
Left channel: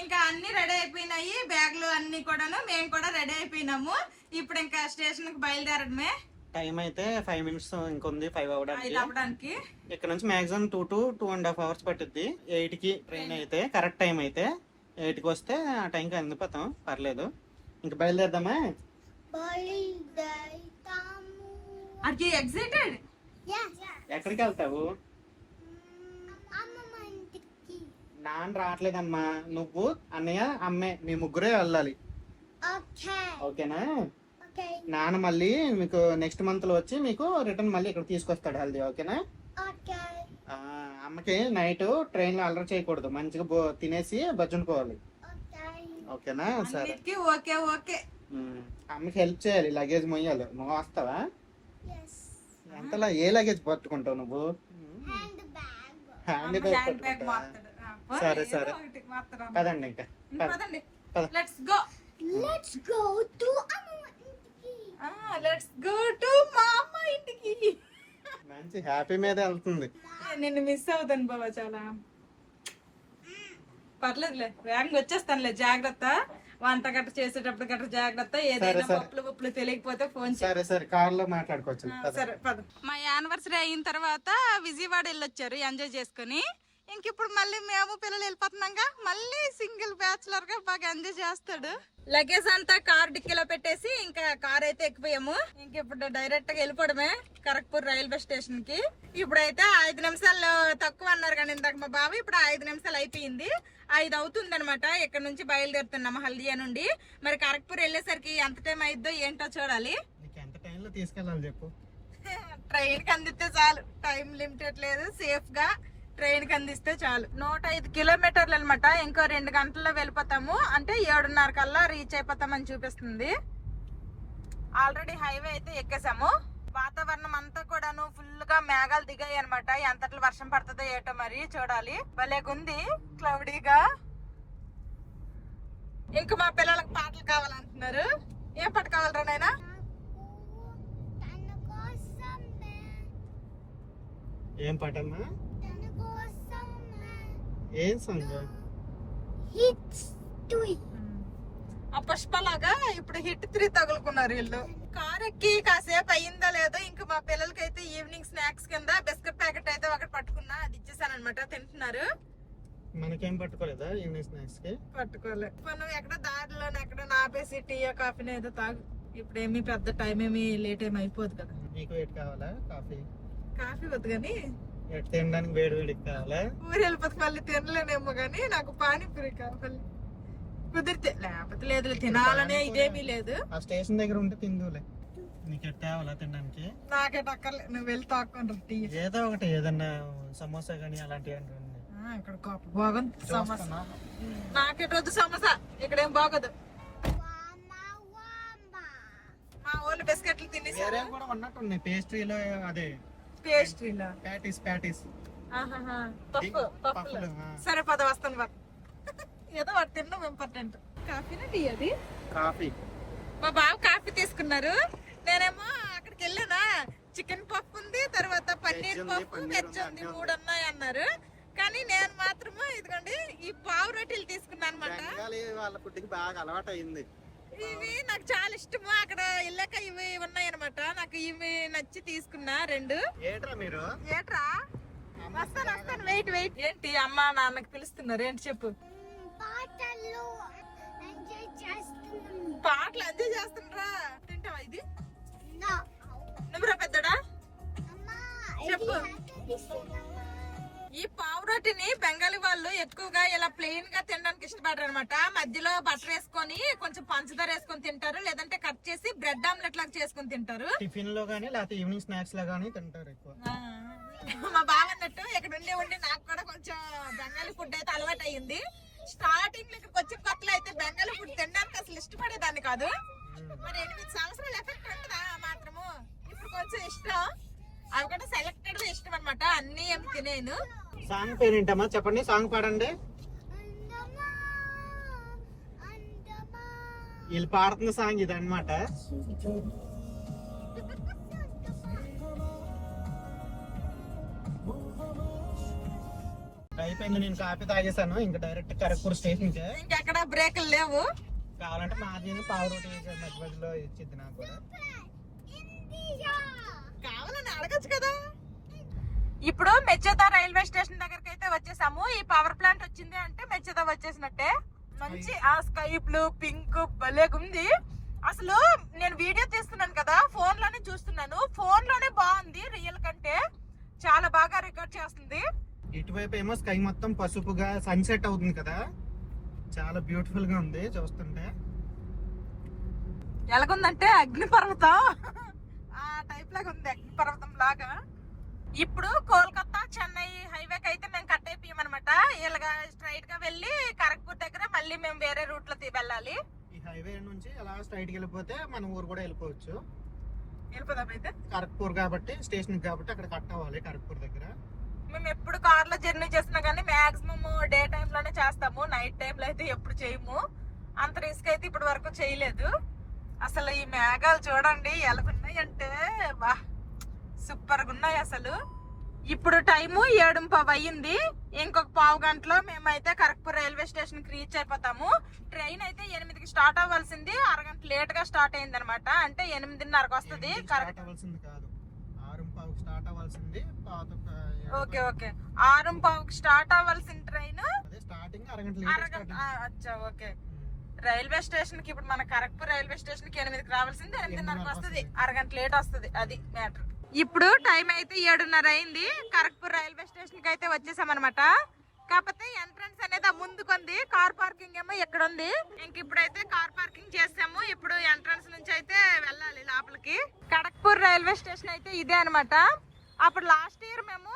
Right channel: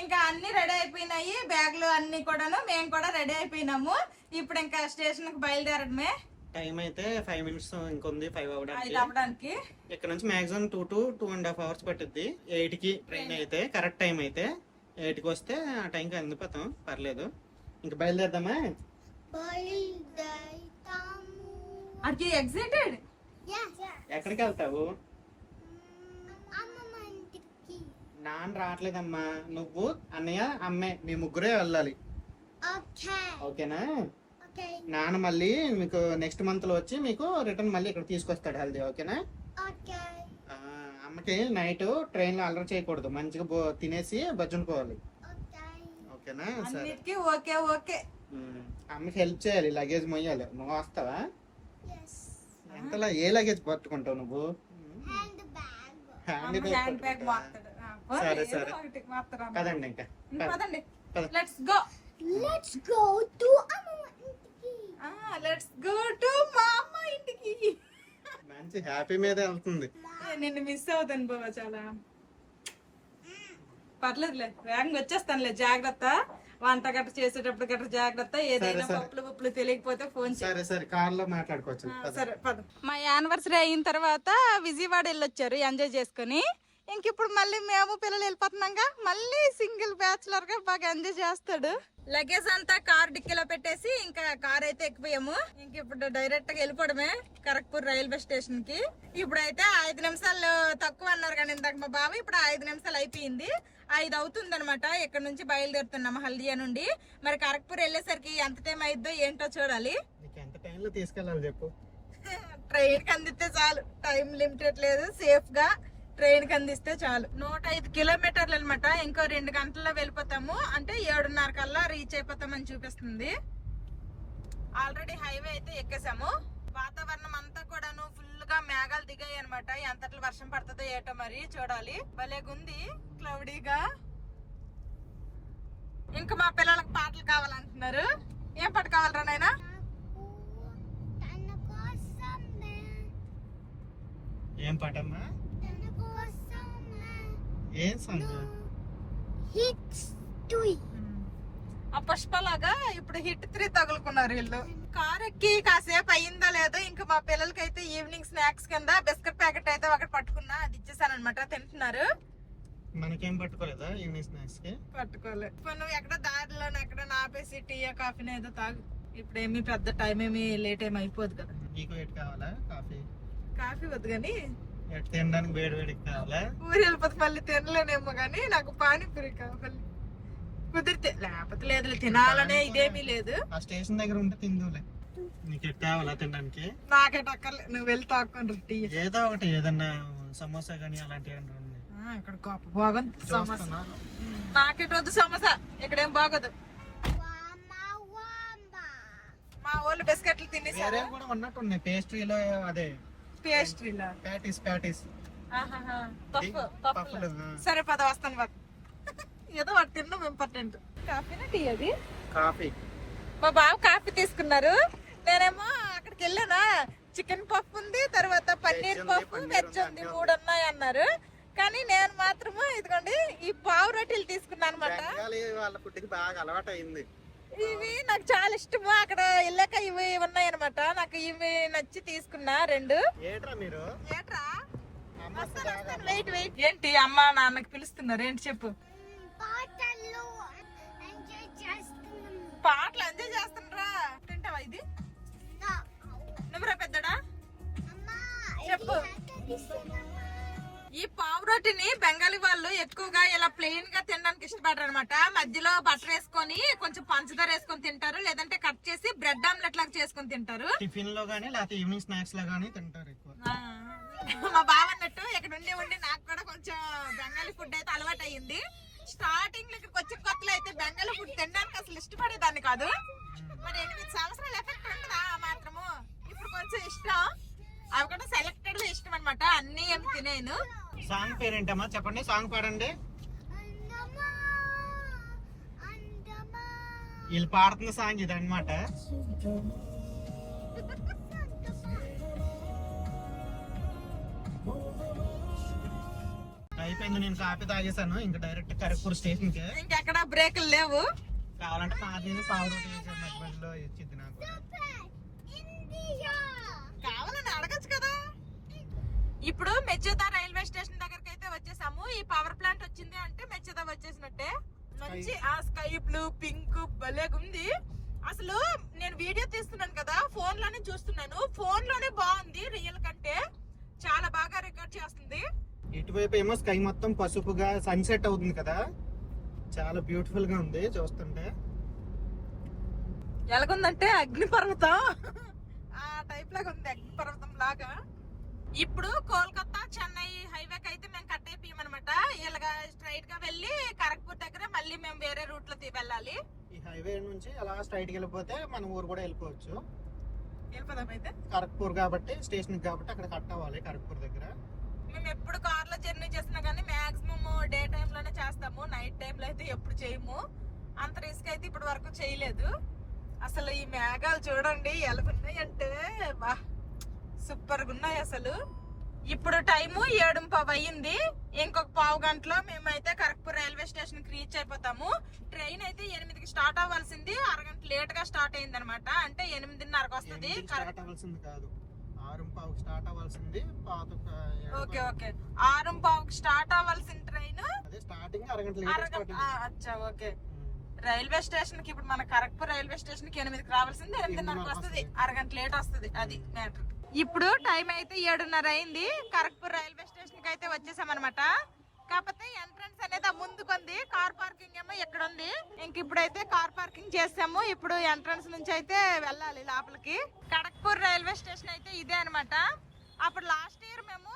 ఇంకా అన్ని రెడీ అయిపోయినాయి బ్యాగ్లు అన్ని కూడాను. మేము కూడా రెడీ అయిపోయినాము. ఇప్పుడు ఇంకా స్టేషన్ కి బయలుదేరడమే. టైం అయితే 5 minutes ఇంకొంది 5 అవ్వడానికి. ఇక్కడ నుంచి మాక్సిమం 2 to 2.5 hours పట్టుద్ది. 8కి ట్రైన్ అయితే కరెక్ట్ టైం అయితే 8కి వస్తే ఆ టైంకి అందిపోతాం, పర్లేదు. ఇంకా బయలుదేరదామా? ఎక్కడికి వెళ్తావు? నాన్న రావట్లేదమ్మా, నువ్వు అన్నయ్య అమ్మే మీ ముగ్గురే వెళ్ళాలి, ఓకేనా? నాన్న మళ్ళీ మీకు నెక్స్ట్ మంత్ లో వచ్చి మీకు రిటర్న్ మళ్ళీ ఇక్కడ తీసుకొస్తాడు హెల్దీ, ఓకేనా? అమ్మకి నైట్ ట్రైన్ లో అల్లరి చేయకూడదు, మంచిగా తినేసి బజ్జునుకోవాలి, ఓకేనా? సరే, ఓకే ఓకే. అమ్మకి హెల్ప్ చేయాలి, లగేజ్ మొయ్యాలి. నువ్వు వస్తావా? ఎంతలా ఏ లగేజ్ పట్టుకుంటావు నువ్వు? Hand bag. సరే సరే పదండి ఇంకా పదండి పద. Let's go Let's go to let's go to మా అమ్మ ఇంటికి. మంచి హ్యాపీ మీద వెళ్తుంది. నిన్ను మిస్ అవుతాను బాబా చాలా. పర్లేదులే వేగంగా వచ్చేస్తానులే, జాగ్రత్త. వంట గట్ట చేసేటప్పుడు గట్ట జాగ్రత్త. ఏదైనా సరే. పప్పులు తెలియకపోతే ఫోన్ చేయి. సరే సరే కార్ లో మాట్లాడుకోవచ్చు. పద. సరే పద. మా యానివర్సరీ అయిన తర్వాత విజయవాడ వెళ్ళొచ్చారు ఎంజాయ్ చేసుకుని. ఇంక ఇప్పుడు మళ్ళీ మేము పిల్లలు వెళ్ళిపోతున్నాగా, మళ్ళీ సింగిల్ బ్యాచులర్ గా బాగా ఎంజాయ్ చేస్తాడు. లగేజ్ అంతా కార్ డిక్కీలో పెట్టేసి ఇంకా కార్ అయితే ఎక్కిపోయాము. ఇంక ఇప్పుడు డైరెక్ట్ గా వెళ్ళిపోవడమే కరక్పూర్ రైల్వే స్టేషన్ కి. ఇప్పుడైతే 5 నిమిషాలు తక్కువ అన్నారు కానీ ఇందాక మా బావ, ఇప్పుడు 5 నిమిషాలు అయిపోయింది. 5 అవుతుంది అనమాట. ఇక్కడ నుంచి బయలుదేరుతున్నాము హల్దియా నుండి. మరి కరక్పూర్ వెళ్ళేసరికి ఎంత టైం అయిద్దో ఏంటో చూడాలి. నీకు ఎంత టైంలో తీసుకెళ్ళాలి చెప్పు. ట్రైన్ కి అందిస్తే చాలు, టైం లిమిటెడ్ లేదు. సేఫ్ గా ట్రైన్ కి అందిస్తే చాలు. 105 కిలోమీటర్లు అనమాట. ఇంకో 2 గంటల్లో వెళ్ళిపోతాము. అంటే 7:30 కల్లా రీచ్ అయిపోతామని చూపిస్తుంది. ఆల్రెడీ హైవే అయితే ఎక్కేసాము. వాతావరణం అంతా కూడాను ఫుల్ గా మేఘాలు దిగాయి అనమాట. ఎంతట్లో వర్షం పడుతుందో ఏటో మరి చూడాలి. భలేగుంది క్లౌడీగా. ఇంకా మా పిల్లలకు పాటలు కావాలంటున్నారు. ఏం పాట కావాలరా నాయనా? ఏం పాటమ్మా? ఏం సాంగ్? ఆ పుష్పలాగా ఇప్పుడు హిట్ 3 తగులుకున్నారు వీళ్ళు. కార్ ఎక్కి కాసేపు అయ్యిందో లేదో ఇంకా మా పిల్లలకైతే ఈవినింగ్ స్నాక్స్ కింద బిస్కెట్ ప్యాకెట్ అయితే ఒకటి పట్టుకున్నా, అది ఇచ్చేసాను అనమాట. తింటున్నారు. మనకేం పట్టుకోలేదా ఈవినింగ్ స్నాక్స్ కి? పట్టుకోలే. నువ్వు ఎక్కడ దారిలో ఎక్కడ ఆపేసి టీ కాఫీని ఏదో తాగు. ఇప్పుడు ఏమి పెద్ద టైం ఏమి లేట్ ఏమి అయిపోదు కదా. నీకు ఎటు కావాలా కాఫీ? కాఫీ వద్దు కానీ ఎటు తినడానికి వేడి వేడికి కావాలా? ఊరు వెళ్ళిపోతే మళ్ళీ తినలేనేమో కానీ నాకు పానీపూరి కావాలి. కుదిరితే, లేకపోతే లేదు. తినాలనే ఇదేమీ లేదు. ఆ స్టేషన్ దగ్గర ఉంటే తిందులే. నీకు ఎటు కావాలా తినడానికి? నాకేట అక్కర్లేదు, నువ్వు వెళ్ళి తాక్కొని టీ. ఏదో ఒకటి, ఏదన్నా సమోసా గానీ అలాంటివి అంటే ఉన్నాయి. ఇక్కడ గొప్ప బాగుంది సమోసా. నాకేట వద్దు సమోసా, ఇక్కడేం బాగోదు. మా వాళ్ళు బిస్కెట్లు తినేసారు. వేరే కూడా ఉన్నట్టు ఉన్నాయి పేస్ట్రీలో. అదే పేస్ట్రీలో ప్యాటీస్ పఫ్ఫులు. సరే పద వస్తాను బాబు. ఏదో వాటి తినడం ఇంపార్టెంట్. కాఫీనా టీ? అది కాఫీ. మా బాబు కాఫీ తీసుకున్నారు. నేనేమో అక్కడికి వెళ్ళానా, చికెన్ పఫ్ ఉంది, తర్వాత పన్నీర్ పఫ్, వెజ్ ఉంది, 3 ఉన్నాయి అన్నారు. కానీ నేను మాత్రము ఇదిగోండి ఈ పావు రొట్టెలు తీసుకున్నాను అనమాట. వాళ్ళ ఫుడ్కి బాగా అలవాటు అయింది. ఇవి నాకు చాలా ఇష్టము. అక్కడ వెళ్ళాక ఇవి ఉన్నాయి అనమాట. నాకు ఇవి నచ్చి తీసుకున్నా 2. ఏట్రా మీరు? ఏట్రా? వస్తాను వెయిట్. ఏంటి అమ్మ నాన్నకి పిలుస్తున్నారు? ఏంటి చెప్పు. పాటలు ఎంజాయ్ చేస్తున్నారా? తింటావా ఇది? నువ్వురా పెద్దడా చెప్పు. ఈ పావు రోటిని బెంగాలీ వాళ్ళు ఎక్కువగా ఇలా ప్లెయిన్ గా తినడానికి ఇష్టపడరు అనమాట. మధ్యలో బటర్ వేసుకొని కొంచెం పంచదార వేసుకొని తింటారు, లేదంటే కట్ చేసి బ్రెడ్ ఆమ్లెట్ లాగా చేసుకొని తింటారు. టిఫిన్ లో గానీ లేకపోతే ఈవినింగ్ స్నాక్స్ లో గానీ తింటారు ఎక్కువ. మా బావ అన్నట్టు ఇక్కడ ఉండి నాకు కూడా కొంచెం బెంగాలీ ఫుడ్ అయితే అలవాటు అయ్యింది. స్టార్టింగ్ లో ఇక్కడికి వచ్చి కొత్తలో అయితే బెంగాలీ ఫుడ్ తినడానికి అసలు ఇష్టపడేదాన్ని కాదు. మరి 8 సంవత్సరాలు ఎఫెక్ట్ ఉంటుందా మాత్రము. ఇప్పుడు కొంచెం ఇష్టం. అవి కూడా సెలెక్టెడ్ ఇష్టం అనమాట. అన్ని ఏమి తినేను. సాంగ్ పేరేంటమ్మా చెప్పండి, సాంగ్ పాడండి. వీళ్ళు పాడుతున్న సాంగ్ ఇది అనమాట. అయిపోయింది, నేను కాఫీ తాగేసాను. ఇంకా డైరెక్ట్ కరక్పూర్ స్టేషన్ కే. ఇంకెక్కడ బ్రేకులు లేవు. కావాలంటే మాదిని పావు రోటీ మధ్యలో ఇచ్చింది నాకు కూడా. కావాలని అడగచ్చు కదా. ఇప్పుడు మెచ్చేదా రైల్వే స్టేషన్ దగ్గరికి అయితే వచ్చేసాము. ఈ పవర్ ప్లాంట్ వచ్చింది అంటే మెచ్చేదా వచ్చేసినట్టే. మంచి ఆ స్కై బ్లూ పింక్ భలేగుంది. అసలు నేను వీడియో తీస్తున్నాను కదా, ఫోన్ లోనే చూస్తున్నాను. ఫోన్ లోనే బాగుంది రియల్ కంటే. చాలా బాగా రికార్డ్ చేస్తుంది. ఇటువైపు ఏమో స్కై మొత్తం పసుపుగా సన్సెట్ అవుతుంది కదా, చాలా బ్యూటిఫుల్ గా ఉంది చూస్తుంటే. ఎలాగుందంటే అగ్నిపర్వతం ఆ టైప్ లాగా ఉంది, అగ్నిపర్వతం లాగా. ఇప్పుడు కోల్కతా చెన్నై హైవేకి అయితే మేము కట్ అయిపోయామన్నమాట. ఇలాగా స్ట్రైట్ గా వెళ్ళి కరక్పూర్ దగ్గర మళ్ళీ మేము వేరే రూట్ లో వెళ్ళాలి. ఈ హైవే నుంచి అలా స్ట్రైట్ కి వెళ్ళిపోతే మన ఊరు కూడా వెళ్ళిపోవచ్చు. వెళ్ళిపోదాం అయితే. కరక్పూర్ కాబట్టి స్టేషన్ కాబట్టి అక్కడ కట్ అవ్వాలి కరక్పూర్ దగ్గర. మేము ఎప్పుడు కార్ లో జర్నీ చేసినా కానీ మాక్సిమం డే టైమ్ లోనే చేస్తాము, నైట్ టైం లో అయితే ఎప్పుడు చేయము. అంత రిస్క్ అయితే ఇప్పటి వరకు చేయలేదు. అసలు ఈ మేఘాలు చూడండి ఎలా ఉన్నాయంటే బా సూపర్ గా ఉన్నాయి అసలు. ఇప్పుడు టైము 7:15 అయ్యింది. ఇంకొక పావు గంటలో మేమైతే కరక్పూర్ రైల్వే స్టేషన్ కి రీచ్ అయిపోతాము. ట్రైన్ అయితే 8కి స్టార్ట్ అవ్వాల్సింది, అరగంట లేట్ గా స్టార్ట్ అయింది అనమాట. అంటే 8:30కి వస్తుంది. ఓకే ఓకే 6:15కి స్టార్ట్ అవ్వాల్సిన ట్రైన్ ఓకే. రైల్వే స్టేషన్ కి ఇప్పుడు మన కరక్పూర్ రైల్వే స్టేషన్ కి 8కి రావాల్సింది, 8:30కి వస్తుంది, అరగంట లేట్ వస్తుంది. అది మ్యాటర్. ఇప్పుడు టైం అయితే 7:30 అయింది. కరక్పూర్ రైల్వే స్టేషన్ కి అయితే వచ్చేసాం అనమాట. కాకపోతే ఎంట్రన్స్ అనేది ముందుకుంది, కార్ పార్కింగ్ ఏమో ఎక్కడ ఉంది. ఇంక ఇప్పుడైతే కార్ పార్కింగ్ చేసాము. ఇప్పుడు ఎంట్రన్స్ నుంచి అయితే వెళ్ళాలి లోపలికి. కరక్పూర్ రైల్వే స్టేషన్ అయితే ఇదే అనమాట. అప్పుడు లాస్ట్ ఇయర్ మేము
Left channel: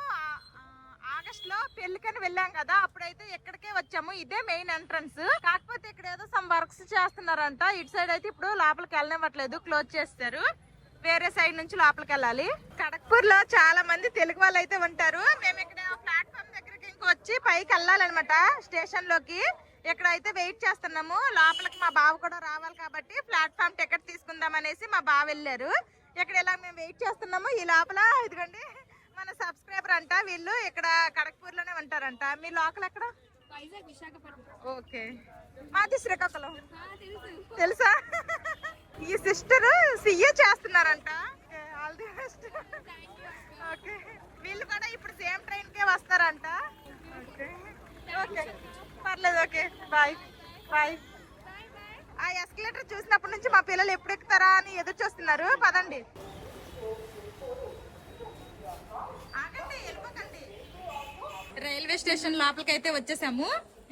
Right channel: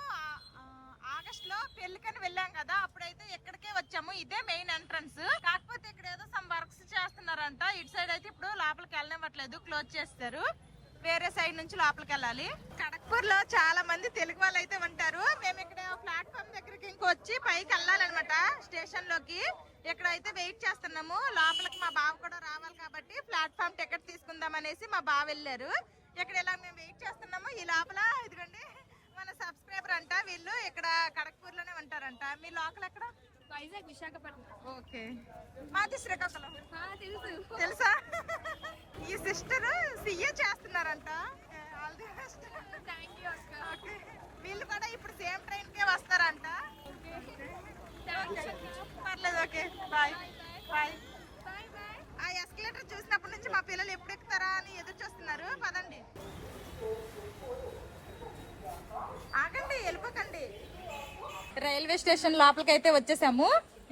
ఆగస్ట్ లో పెళ్లికని వెళ్ళాం కదా, అప్పుడైతే ఎక్కడికే వచ్చాము. ఇదే మెయిన్ ఎంట్రన్స్. కాకపోతే ఇక్కడ ఏదో సమ్ వర్క్స్ చేస్తున్నారంట. ఇటు సైడ్ అయితే ఇప్పుడు లోపలికి వెళ్ళనివ్వట్లేదు, క్లోజ్ చేస్తారు. వేరే సైడ్ నుంచి లోపలికి వెళ్ళాలి. కడక్పూర్ లో చాలా మంది తెలుగు వాళ్ళు అయితే ఉంటారు. మేము ఇక్కడ ప్లాట్ఫామ్ దగ్గరికి ఇంకొచ్చి పైకి వెళ్ళాలన్నమాట స్టేషన్ లోకి. ఇక్కడ అయితే వెయిట్ చేస్తున్నాము. లోపలికి మా బావ కూడా రావాలి కాబట్టి ప్లాట్ఫామ్ టికెట్ తీసుకుందాం అనేసి మా బావ వెళ్ళారు. ఇక్కడ ఇలా మేము వెయిట్ చేస్తున్నాము. ఈ లోపల ఇదిగోండి మన సబ్స్క్రైబర్ అంట, వీళ్ళు ఇక్కడ కడక్పూర్ లోనే ఉంటారంట. మీ లోకల్ ఎక్కడ? వైజాగ్, విశాఖపట్నం. ఓకే, మాది శ్రీకాకుళం. తెలుసా? ఈ సిస్టర్ సిఏ చేస్తున్నారంట. All the best. ఓకే, వీళ్ళు కూడా ఇప్పుడు సేమ్ ట్రైన్ కే వస్తారంట. పర్లేదు, ఓకే బాయ్ బాయ్. ఆ ఎస్కలేటర్ చూసినప్పటి నుంచి మా పిల్లలు ఎప్పుడు ఎక్కుతారా అని ఎదురు చూస్తున్నారు. పదండి, ఆగండి, వెళ్ళిపోకండి. రైల్వే స్టేషన్ లోపలికి అయితే వచ్చేసాము.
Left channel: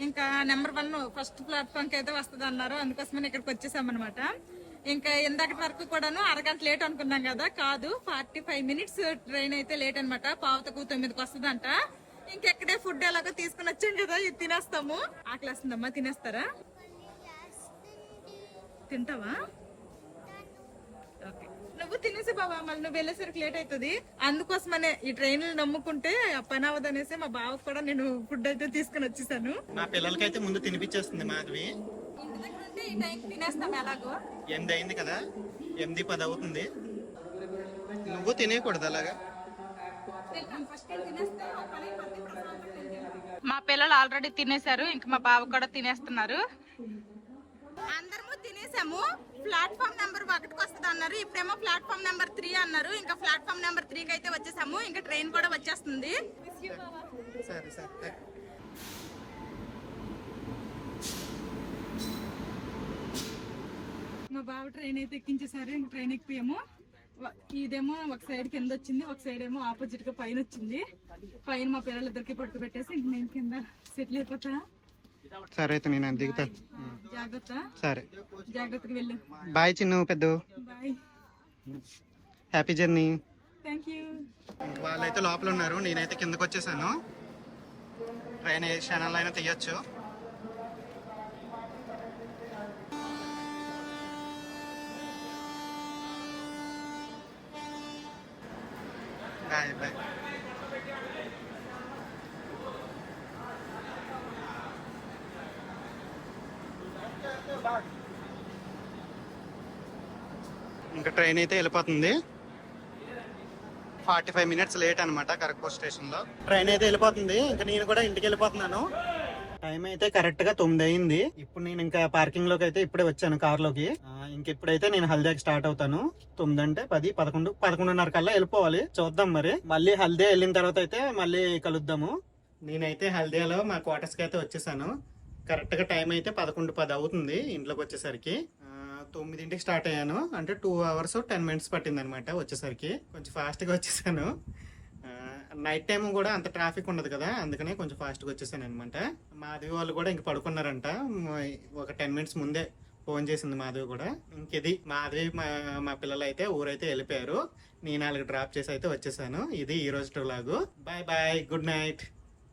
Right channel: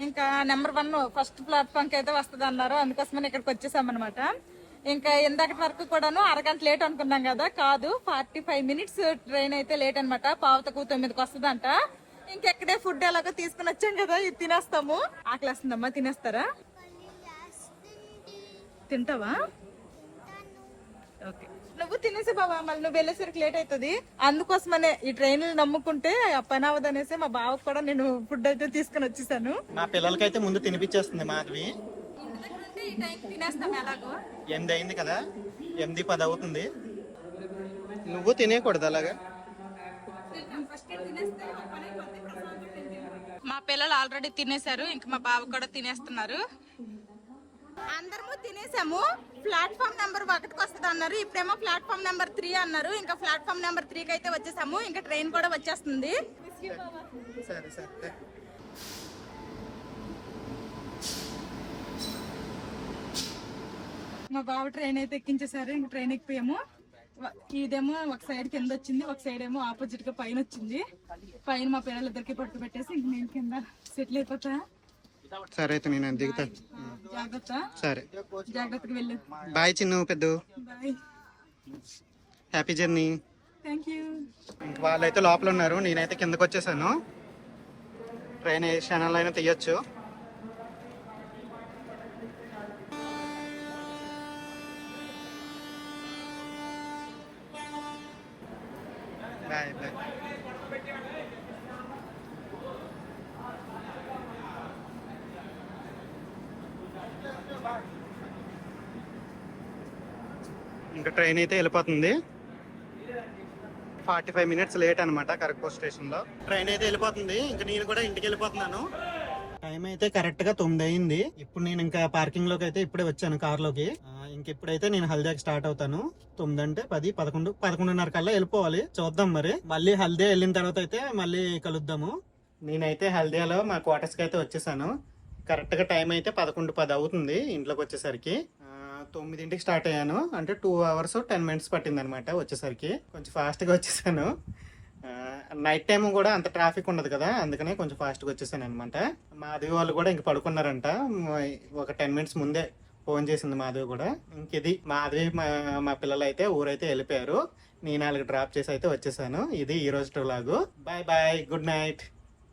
ఇంకా నెంబర్ 1 ఫస్ట్ ప్లాట్ఫామ్ కి అయితే వస్తుంది అన్నారు, అందుకోసమని ఇక్కడికి వచ్చేసాం అనమాట. ఇంకా ఇందాకటి వరకు కూడాను అరగంట లేట్ అనుకున్నాం కదా, కాదు 45 మినిట్స్ ట్రైన్ అయితే లేట్ అనమాట. 8:45కి వస్తుందంట. ఇంకెక్కడే ఫుడ్ ఎలాగో తీసుకుని వచ్చాం కదా, ఇది తినేస్తాము. ఆకలి వస్తుందమ్మా, తినేస్తారా? తింటావా? ఓకే, నువ్వు తినేసి బాబా, మళ్ళీ నువ్వు వెళ్ళేసరికి లేట్ అవుతుంది. అందుకోసమనే ఈ ట్రైన్ నమ్ముకుంటే పని అవ్వదు అనేసి మా బావ కూడా నేను ఫుడ్ అయితే తీసుకుని వచ్చేసాను. మా పిల్లలకైతే ముందు తినిపించేస్తుంది మాధవి. తినేస్తాం ఎలాగో. 8 అయింది కదా, 8:10 అవుతుంది. నువ్వు తినేయకూడదు అలాగా. మా పిల్లలు ఆల్రెడీ తినేశారు, ఇంకా మా బావ కూడా తినేస్తున్నారు. అందరము తినేసాము. ప్లాట్ఫామ్ నెంబర్ 1కి వస్తుంది అన్నారు, ఇప్పుడేమో ప్లాట్ఫామ్ నెంబర్ 3 అన్నారు. ఇంకా ప్లాట్ఫామ్ నెంబర్ 3కి అయితే వచ్చేసాము. ఇంకా ట్రైన్ కూడా వచ్చేస్తుంది. సరే సరే. మా బావ ట్రైన్ అయితే ఎక్కించేసారు. ఇంక ట్రైన్ ఎక్కిపోయాము. ఇదేమో ఒక సైడ్ కింద వచ్చింది, ఒక సైడ్ ఏమో ఆపోజిట్ గా పైన వచ్చింది. పైన మా పిల్లలిద్దరికి పట్టు పెట్టేసి ఇంక నేను కింద సెటిల్ అయిపోతా. సరే అయితే నేను దిగుతా. జాగ్రత్త. సరే, జాగ్రత్తగా వెళ్ళు. బాయ్ చిన్ను పెద్ద. Bye, happy journey. Thank you. ఇంక వాళ్ళైతే లోపల ఉన్నారు, నేనైతే కిందకు వచ్చేసాను. ట్రైన్ ఏ క్షణాల్లో అయినా తీయొచ్చు. Bye bye. ఇంకా ట్రైన్ అయితే వెళ్ళిపోతుంది. 45 మినిట్స్ లేట్ అనమాట కరక్పూర్ స్టేషన్ లో. ట్రైన్ అయితే వెళ్ళిపోతుంది. ఇంకా నేను కూడా ఇంటికి వెళ్ళిపోతున్నాను. టైం అయితే కరెక్ట్ గా 9 అయింది. ఇప్పుడు నేను ఇంకా పార్కింగ్ లోకి అయితే ఇప్పుడే వచ్చాను కార్ లోకి. ఇప్పుడైతే నేను హల్దియాకి స్టార్ట్ అవుతాను. 9 అంటే 10, 11, 11:30 కల్లా వెళ్ళిపోవాలి. చూద్దాం మరి. మళ్ళీ హల్దియా వెళ్ళిన తర్వాత అయితే మళ్ళీ కలుద్దాము. నేనైతే హల్దియాలో మా క్వార్టర్స్ కి అయితే వచ్చేసాను. కరెక్ట్ గా టైం అయితే 11:10 అవుతుంది ఇంట్లోకి వచ్చేసరికి. 9కి స్టార్ట్ అయ్యాను, అంటే 2 hours 10 minutes పట్టింది అనమాట వచ్చేసరికి. కొంచెం ఫాస్ట్ గా వచ్చేసాను. నైట్ టైం కూడా అంత ట్రాఫిక్ ఉండదు కదా, అందుకనే కొంచెం ఫాస్ట్ గా వచ్చేసాను అనమాట. మాధవి వాళ్ళు కూడా ఇంక పడుకున్నారంట. ఒక 10 minutes ముందే ఫోన్ చేసింది మాధవి కూడా. ఇంకది మాధవి మా పిల్లలు అయితే ఊరైతే వెళ్ళిపోయారు. నేను వాళ్ళకి డ్రాప్ చేసి అయితే వచ్చేసాను. ఇది ఈ రోజు vlog. Bye bye, good night.